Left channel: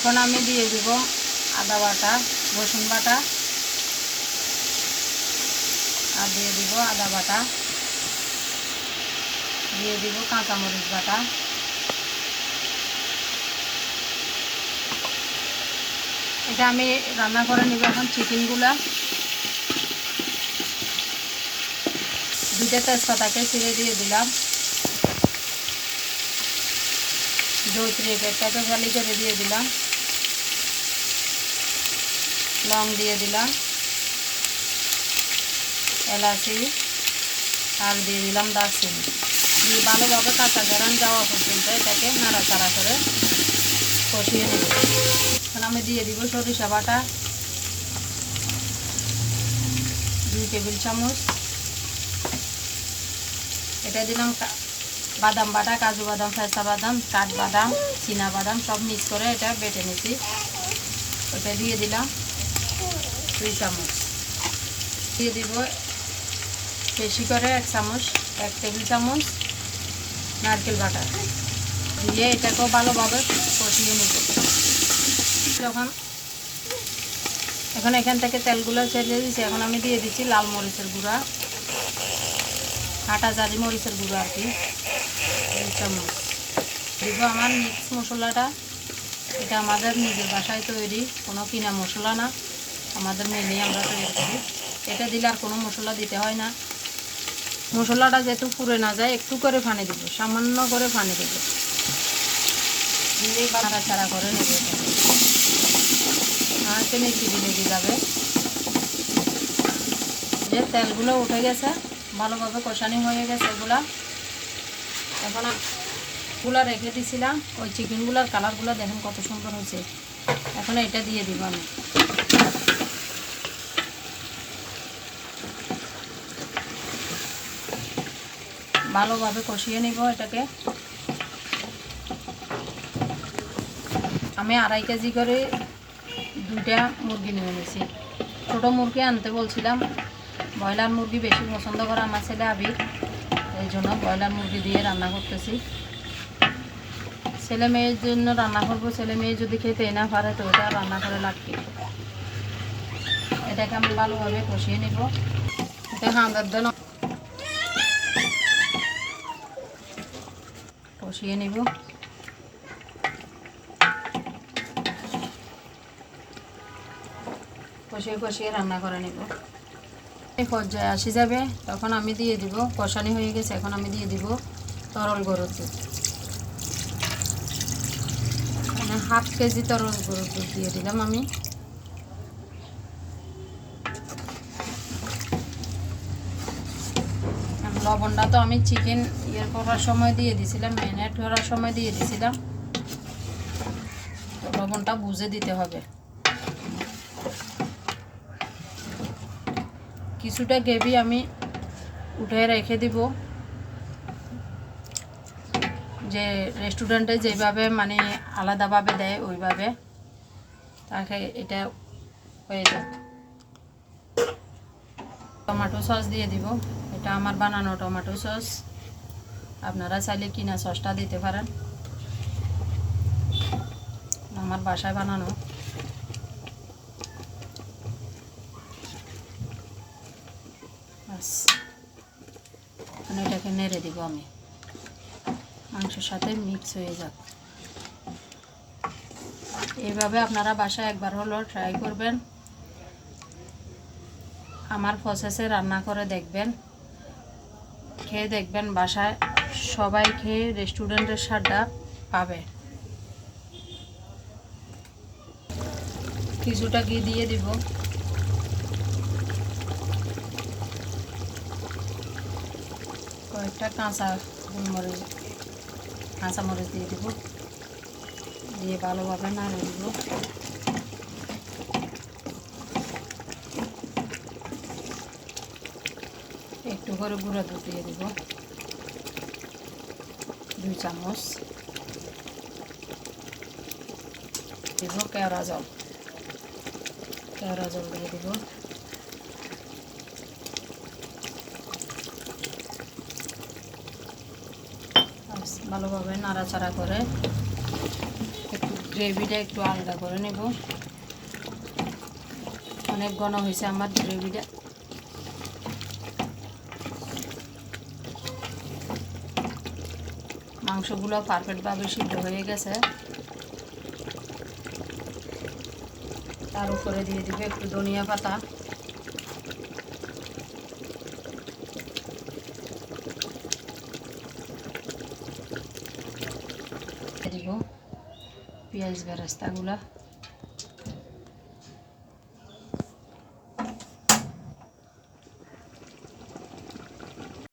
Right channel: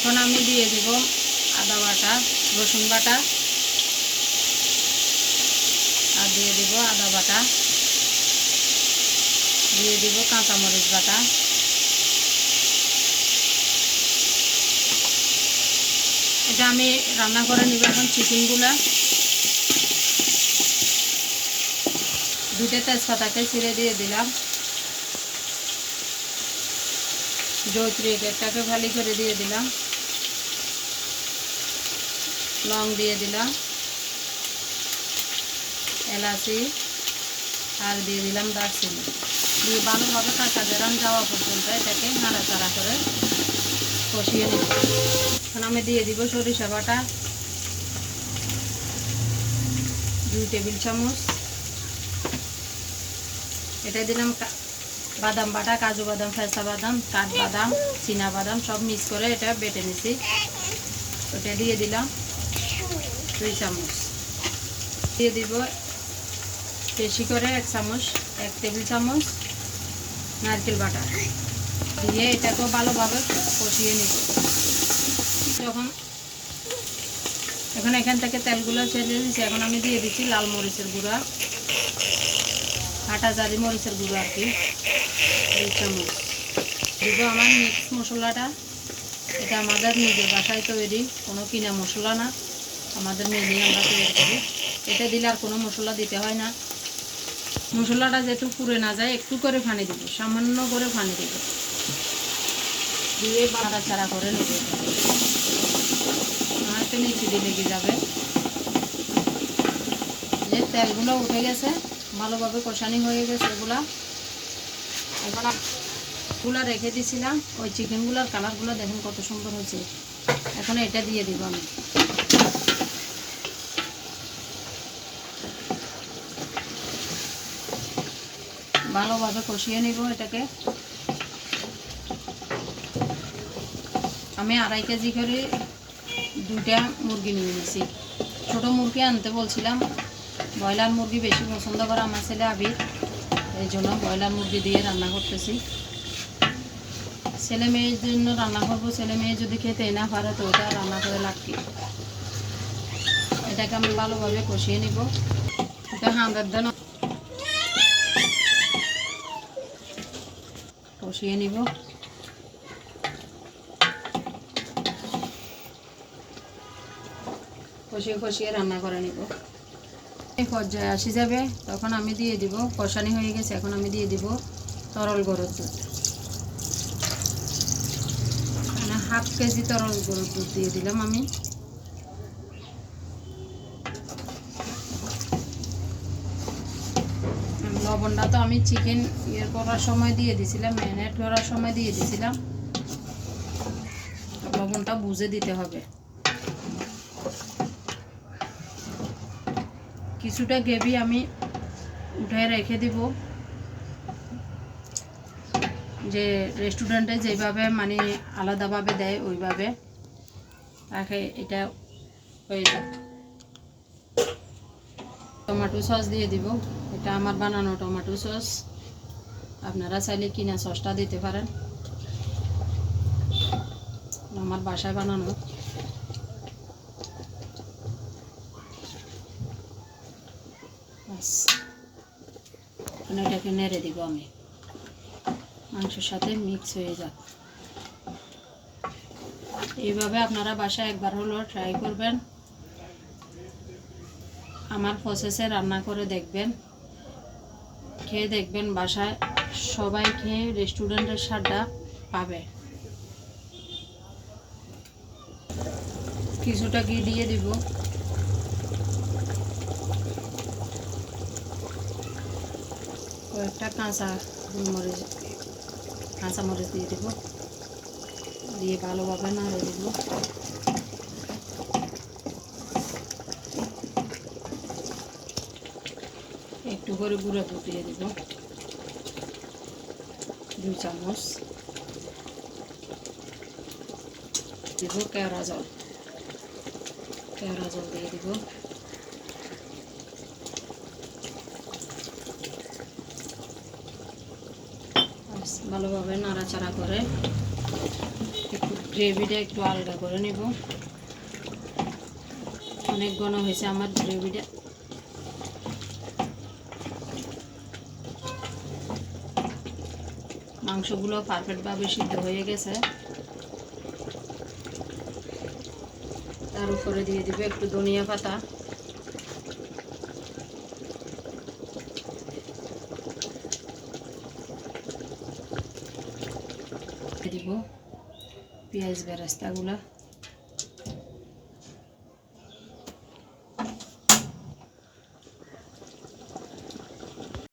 এখন আমি দিয়ে দেব আদা বাটা, রসুন বাটা, আর দিয়ে দেব আদা বাটা, দিয়ে দেব কাঁচামরিচ বাটা, এটা আমি রান্না করে নিব। এখন চিকেনগুলা দুইটা তেজপাতাকে ছিঁড়ে দিয়ে দিলাম, জয়ত্রী পেটটাকে খালি করে দিয়ে দিলাম, লং দিয়ে দিলাম, এলাচি আর দিয়ে দিলাম দারচিনি দিয়ে ভালোভাবে কাঁচা গরম যাওয়া পর্যন্ত এটাকে নাড়াচাড়া করে কষিয়ে নেব। এখন আমি দিয়ে দিব সরিষা বাটা 2 টেবিল চামচ, এটা দিলাম বাদাম বাটা, কাজু বাদাম, পেস্তা বাদাম, কাঠবাদাম, চীনা বাদাম সব মিক্স করে এটা বেটে নিছি, ওটা দিয়ে দিলাম 2 চামচ, দিয়ে দিব বেশি করে 1 টেবিল চামচ নারকেল বাটা দিয়ে এটাকেও ভালোভাবে কষিয়ে নিব। যখন এখান থেকে তেলগুলো ছেড়ে দিচ্ছি, এখন আমি দিয়ে দিচ্ছি লাল মরিচের গুঁড়া, আটা জারি মরিচের গুঁড়ো আর কি 2 চামচ দিব। আমার মিক্স মশলাটা এটা আমাদের নিজের বাসায় তৈরি, কোনো কিনা মশলা না, আমাদের মেনে আমরা তৈরি করি। এটা দিলে আর কোনো মশলা দিতে হয় না। মশলাটা যেহেতু পুড়ে না যায় একটু করে পানি দিব, সামান্য করে পানি দিব, দিয়ে নাড়াচাড়া করে নিতে নাড়তে মিষ্টি লেগে যাবে। যে তেলগুলো উঠে গেছে, ভালোভাবে কষানি হয়ে গেছে এগুলা। এখন এগুলা রেখে দিয়েছিলাম, ওই চিকেনগুলার কালারগুলো দেখেন কত সুন্দর হয়েছে। এখন এটা দিয়ে দিব আমি, ভালোভাবে কষিয়ে নিব এটাকে। আমি 2.5 কেজি করে 2টা মুরগি নিয়ে নিয়েছি। ছোটো মুরগি আনতে বলছিলাম, ব্রয়লার মুরগি বেশি পছন্দ করে আমার ছেলে আবির, এই জন্য ব্রয়লার মুরগি দিয়ে রান্না করতেছি। ছেলে মেয়ের জন্য রান্না করবো, ছেলে মেয়ে যদি খেতে না পারে তো ওটা রান্না করে লাভ কি। এটাকে আমি ভালোভাবে কষিয়ে নিব। কষিয়ে নিব, কষিয়ে রান্না করে নিব। এই পর্যায়ে আসি যাবে তখন আমি দিয়ে দিব, কষানি হয়ে গেছে, এখন আমি দিয়ে দিব তরল গরুর দুধ, মানে 1/2 কেজি তরল গরুর দুধ দিয়ে দিলাম আমি। লবণটা তো আমি চিকেন করার সময় দিয়ে দিয়েছিলাম, ম্যারিনেট করার সময় দিয়ে দিয়েছিলাম, লবণটা বুঝে দিতে হবে। কিছুটা গ্রেভি আমি উঠে রেখে দিব, যে রেস্টুরেন্টে যেভাবে মানে আলাদাভাবে দেয় ওইভাবে, তাকে এটা হয়ে যাবে। টমেটো সস দিয়ে দিব, এটা আমার বানানো টমেটো সস, আপনারা চাইলে কিনা সসটা দিতে পারেন, আমার বাসায় বানানো। বাস এটাকে নেড়ে দিব আমি, মাংসের সাথে মিক্স হয়ে যাক। এইভাবে আপনারা বাসায় একবার হলো ট্রাই করবেন, আমার প্রসেসে রান্না করে দেখবেন, খেয়ে দেখবেন, বাসায় সবাই খেয়ে রেস্টুরেন্টের স্বাদটা পাবে। কিছুটা ঘি দিয়ে দিব, কয়েকটা কাঁচামরিচ দিয়ে দিব, দিয়ে ভালোভাবে নাড়ে দিব। একটু করে গুঁড়ো দুধ দিয়ে দিব 2 চামচ, দিব কেওড়া জল দিয়ে দিব, ভালোভাবে নাড়াচাড়া করে একটু গ্রেভিটা একটু আলাদা করে নেব। অনেক ঘন হয়েছে আমার গ্রেভিটা। মাংসগুলো পারফেক্টভাবে সিদ্ধ হয়ে গেছে। তার উপরে দিয়ে দিব একটু ধনিয়া পাতা, দিব পেঁয়াজ বেরেস্তাগুলো।